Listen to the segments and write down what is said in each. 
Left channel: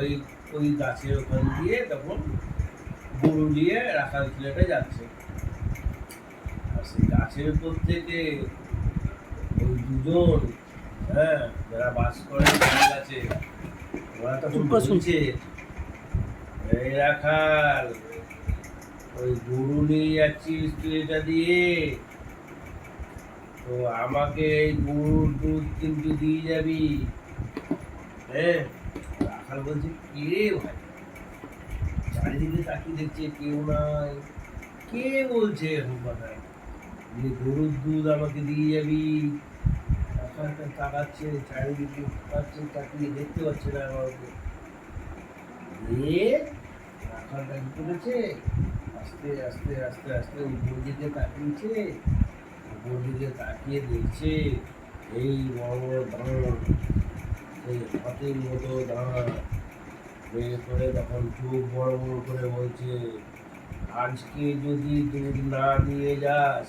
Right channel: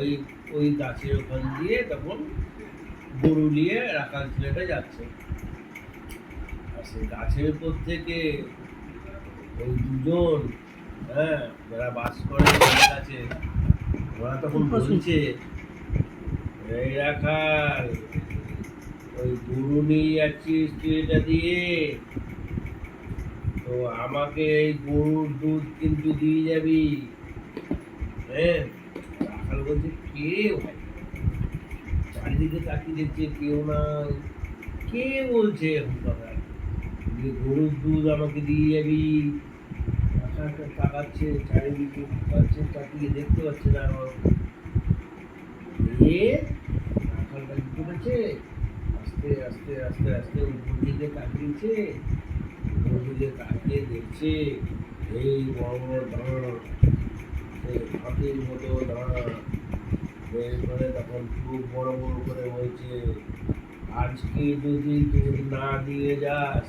ওই ওই গাছের ওখান দিয়ে তখন গরু নিয়ে রাখাল ছেলেটা যাচ্ছে। আর সেই গাছের উপর থেকে ওই দুজন, হ্যাঁ, যারা বাস করে গাছে, ওরা তখন বলছে, এই রাখাল, ওই গরু নিয়ে যাচ্ছিস তুই এটা দিয়ে, তো আমাকে এই গরুর দুধ কিন্তু দিয়ে যাবি। হ্যাঁ, রাখাল বলছে কে ভাই, চারিদিকে তাকিয়ে দেখছে কেউ নাই, কে বলছে এরকম কথা, যে গরুর দুধ আমাকে দিয়ে যাবি। রাখালটা তাকাচ্ছে, চারিদিকে তাকাচ্ছে, তাকিয়ে দেখতে পাচ্ছে না কাউকে। রাখালটা কি করেছে, আস্তে আস্তে আস্তে আস্তে উপর দিকে তাকিয়েছে, উপর দিকে তাকিয়ে দেখছে এই বড় বড় দাঁড়, সেই হাতির মতো দাঁড়, বের করে তখন চোখ বড় বড় করে বলছে, আজকে যদি দুধ না দিয়ে যাস,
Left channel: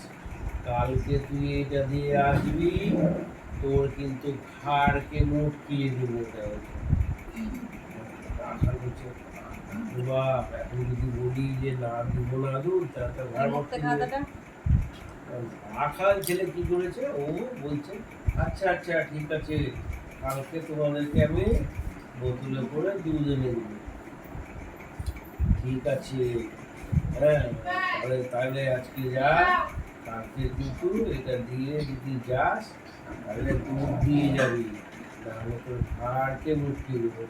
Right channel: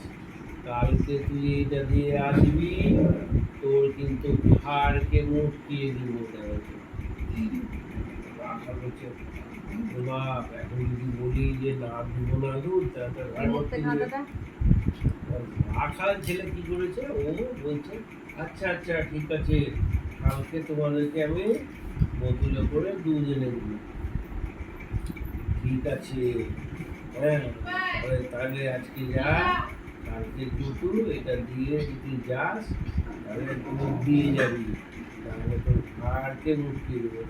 কালকে তুই এটা দিয়ে আসবি, তোর কিন্তু ঘাড়কে মুটকিয়ে দিব। রাখাল বলছে, বাপ, এখন যদি বলি যে না দিব না দুধ, তাহলে ঘাড় মুটকিয়ে দিবে। রাখাল ছেলে কি করেছে, ও বলছে আচ্ছা আচ্ছা ঠিক আছে, কালকে তোমাদেরকে আমি বোতলে করে দুধ এনে দেবো। ঠিক আছে, হ্যাঁ, তাহলে আজকে যা, কালকে কিন্তু এটা দিয়ে যদি যাস তাহলে দুধ দিয়ে যাবি, তাহলে তোর ঘাড়কে মুটকে দেবো।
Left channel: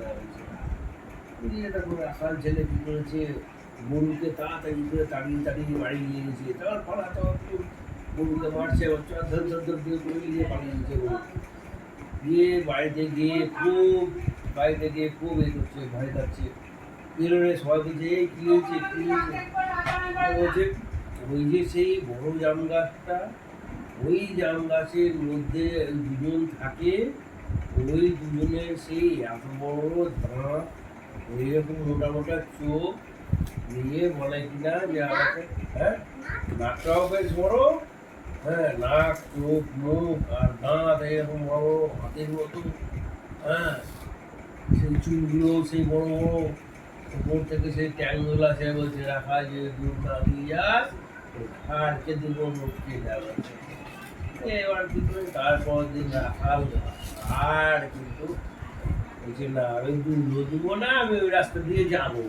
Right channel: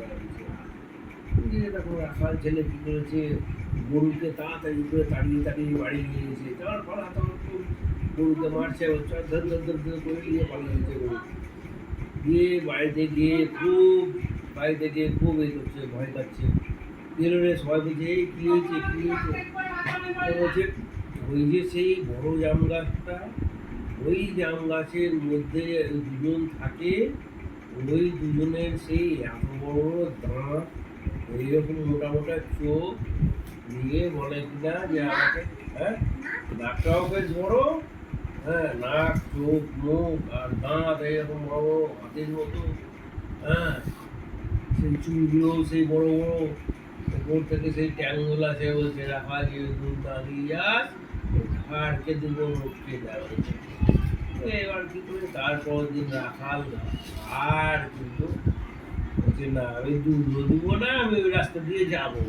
দেখো রাখাল ছেলে কি করেছে, গরুকে তাড়াতাড়ি করে তাড়িয়ে তাড়িয়ে বাড়ি নিয়ে গেছে, তার পালা তো গরুকে মারছে, ধর ধর ধর ধর করে নিয়ে পালিয়ে গেছে গরু। গিয়ে বাড়িতে গিয়ে খুব এই করছে, ভয় পাচ্ছে। বেরোলে সবাই বলছে এই কি হয়েছে কি হয়েছে, বলছে ওই যে সেই বড় জাম গাছটা, ওই জাম গাছের মধ্যে দুজন থাকে, ওই দুজনের সেই এত বড় দাঁত, এইরকম মোটা মোটা চোখ নিয়ে বলে কিনা যে আমাকে, হ্যাঁ, নাকটাও বেশ বড়, হ্যাঁ, নাক চোখ মুখ আর দাঁত এইরকম বড় হাতের মতো, হ্যাঁ, সেই চুলগুলো সেই বড় বড়, উপর থেকে সেই ট্যাংগুলো সে বলছে রাখা যে দুধ না দিয়ে যাস, ঘাড়কে দুটো মুটকে যাবে। এবার কি করে তারপর দিন রাখাল আর কিন্তু বলছে না, আমি দুধও দিব না, আমি ওই রাস্তা দিয়ে যাবো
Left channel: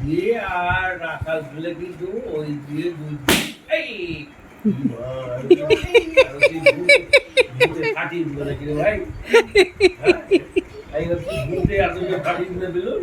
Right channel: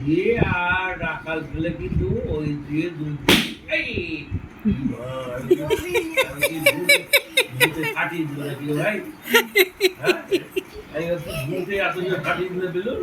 দিয়ে, আর রাখাল ফেলে কিন্তু ওই দিয়ে দুধ এই ফাটিয়ে দিল নাকি ভাই, হ্যাঁ, এই দুধে এত যে ফাটিয়ে দিলে বেলুন।